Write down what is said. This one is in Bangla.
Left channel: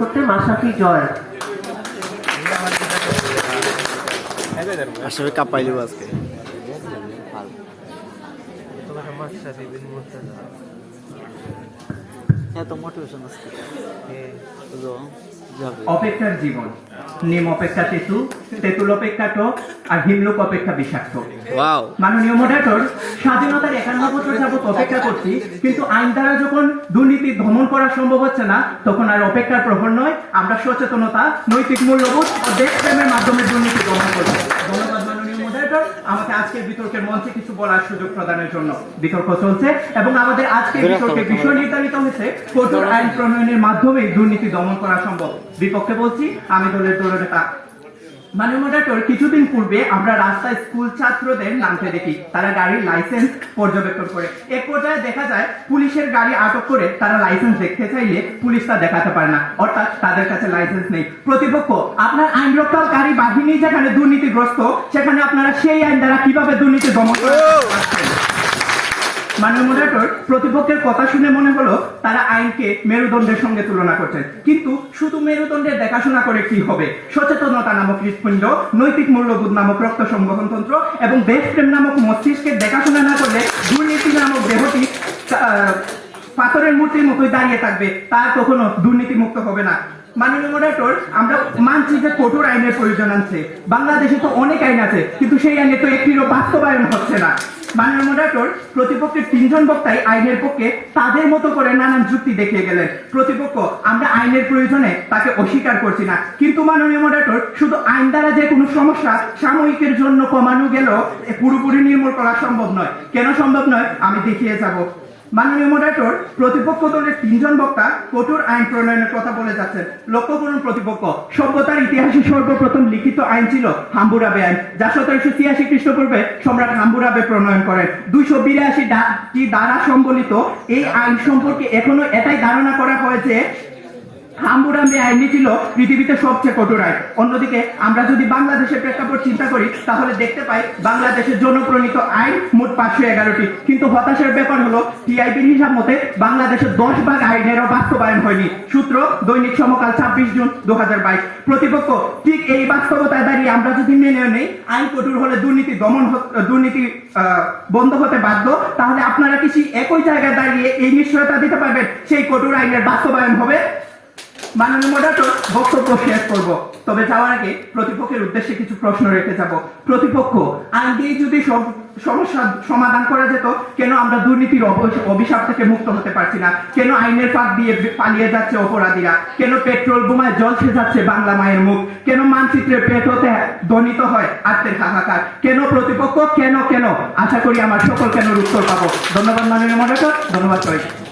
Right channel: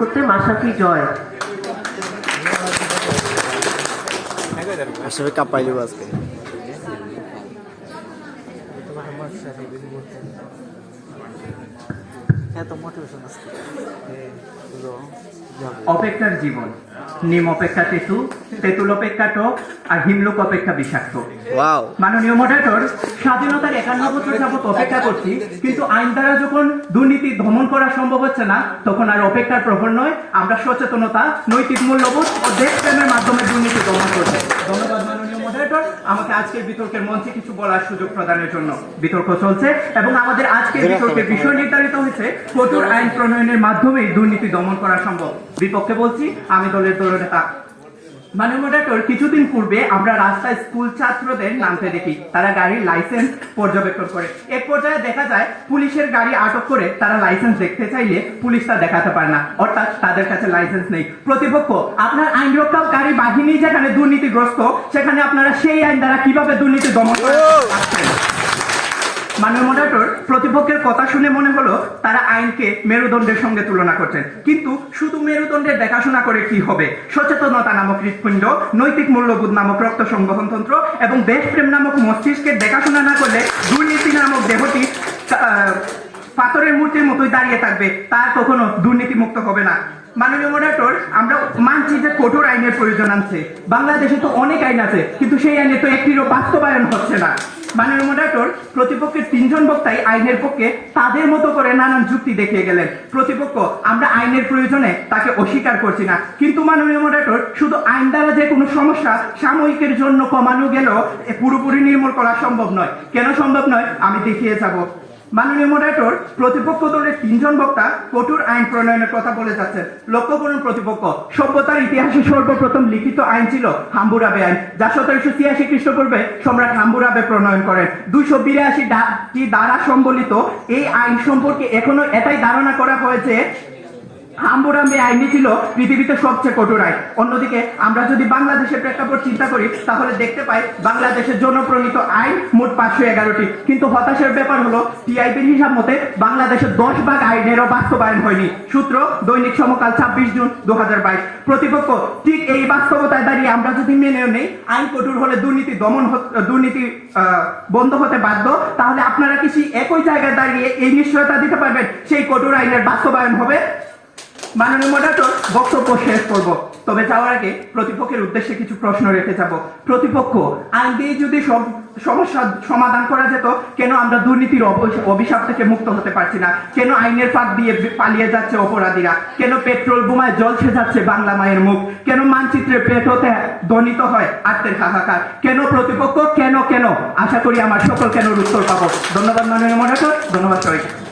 করতে মাসাফি জয় আসলে কাপাইলো আজকে এত মোটিভেশন আজকে অপেক্ষার জীবন নিম অপেক্ষা তেঁতুল তেঁতুল অপেক্ষা টক আর হিমলোক অপেক্ষা বিষাক্ত। ওয়াও মাননীয় মডারেটর, স্বাধীনতার 51 বছর যাবত অপেক্ষা করছি, কিন্তু আইন দ্বারা যখন দুর্নীতি দমন করা সম্ভব হচ্ছে না, তখন আর অপেক্ষার প্রহর নয়, আমরা সচেতনতা, নৈতিক মূল্যবোধ ও দেশপ্রেমের মাধ্যমে দুর্নীতি দমন করব। ধন্যবাদ মাননীয় মডারেটর, আমাকে আজকের বিতর্কের মঞ্চে কিছু বলার সুযোগ প্রদানের জন্য। বিতর্ক চলছে এবং আমাদের আজকের বিতর্কের বিষয় নির্ধারিত হয়েছে কঠোর আইন প্রণয়নের মাধ্যমে দুর্নীতি দমন করা সম্ভব। বিপক্ষে বলছি আমি দলের দলনেতা। মাননীয় মডারেটর, কিছুদিন পূর্বে আমরা রাস্তায় স্কুল ছাত্রদের নামতে দেখি, তারা গাড়ির লাইসেন্স পর্যবেক্ষণ করে। এক পর্যায়ে দেখা যায় পুলিশের গাড়ি আটক করে তারা লাইসেন্স দেখতে চাইলে পুলিশ তা দেখাতে পারে না, অর্থাৎ তাদের কাছে লাইসেন্স নেই। প্রতিপক্ষ, আপনার আইন রক্ষাকারী বাহিনী যেখানে দুর্নীতিগ্রস্ত, সেখানে আপনারা সেই আইন দ্বারা কিভাবে দুর্নীতি দমন করছেন? মাননীয় মডারেটর, প্রতিপক্ষের কথা শুনে মনে হলো তারা আইনকে মেরুদণ্ডের সঙ্গে তুলনা করছেন, কিন্তু শুধু মেরুদণ্ডের দেখাশোনা করে কি হবে? সচেতনতা নামক হৃৎপিণ্ড, নৈতিক মূল্যবোধ নামক রক্ত সংবহনতন্ত্র এবং দেশপ্রেম নামক মস্তিষ্কের দেখাশোনা না করলে দুর্নীতি নামক দেহটি পাথরের মূর্তির মতোই দাঁড়িয়ে থাকবে, তার কখনো দুর্নীতি মুক্ত হবে না। মাননীয় মডারেটর, আমরা মানছি যে কঠোর আইনের প্রয়োজন আছে, বাংলাদেশে তো অনেক আইন আছে, কিন্তু সেই আইনে তো একটিরও বাস্তবায়ন হচ্ছে না। মাননীয় মডারেটর, প্রতিপক্ষের 3 জন বক্তাই আইনের পক্ষে তাদের মতো করে নানান যুক্তি দেখিয়ে গেলেন। প্রতিপক্ষ, আমরা আইনের প্রয়োজনে তাকে অস্বীকার করছি না, কিন্তু মাননীয় মডারেটর, শুধু আইন দ্বারা যে কোনো সমস্যা সাময়িকের জন্য কমানো গেলেও পুরোপুরি নির্মূল করা সম্ভব নয়। কেন সম্ভব নয় আমি দেখিয়ে যাব। মাননীয় মডারেটর, প্রতিপক্ষ দলের 3 জন বক্তা কঠোর আইন প্রণয়নের কথা বলে যাচ্ছেন। লক্ষ্য করুন প্রতিপক্ষ, সভ্যতার ইতিহাসে সর্বপ্রথম লিখিত আইন ছিল হাম্বুরাবে আইন, যা 1786 খ্রিস্টপূর্বে সম্রাট হাম্বুরাবে প্রণয়ন করেন। 282টি ধারা সম্বলিত এই আইন সম্পর্কে এখনো এটাই ধারণা করা হয়েছে হাম্বুরাবে আইনই ছিল পৃথিবীতে সবচেয়ে কঠোর আইন। অন্যদিকে আমরা যদি বাংলাদেশের প্রেক্ষাপট চিন্তা করি, তাহলে দেখতে পাই বাংলাদেশের জনপ্রণীত আইন মোট 511টি, কিন্তু হতাশার ব্যাপার হলো টিআইবির হিসাব মতে বাংলাদেশের 10 ভাগ আইনেরও বাস্তবায়ন হয়নি। সূত্র দৈনিক সমকাল 26 জুন 2022। প্রতিপক্ষ, ঠিক এই বাস্তবতায় দাঁড়িয়ে আমরা যদি মেনে নেই আইন কঠোর হলে দুর্নীতি বন্ধ হতে বাধ্য, তাহলে আপনারা কি একই জায়গায় দাঁড়িয়ে এই নিশ্চয়তা দিতে পারবেন সেই কঠোর আইনের বাস্তবায়ন হবে? মাননীয় মডারেটর, বক্তব্য শেষ করব, তবে যাওয়ার আগে প্রতিপক্ষের উদ্দেশ্যে কিছু প্রশ্ন রেখে যাব। প্রতিপক্ষ, আইন দিয়ে যদি সব সমস্যা সমাধান করা যেত, কেন আমরা দুর্নীতির অভিশাপ থেকে মুক্ত হতে পারছি না? কেন আইনের ফাঁক দিয়ে পালিয়ে যাচ্ছে অপরাধীরা? কেন পেট্রোল বোমায় জ্বলছে যাচ্ছে বাংলা মায়ের মুখ? কেন মানচিত্রে পেট হতে ধ্বনিত হয় আত্মের হাহাকার? কেন প্রতিপক্ষ? কেন? আশা করি আমার সকল কেন উত্তর পাবো। ধন্যবাদ মাননীয় মডারেটর, ধন্যবাদ সবাইকে।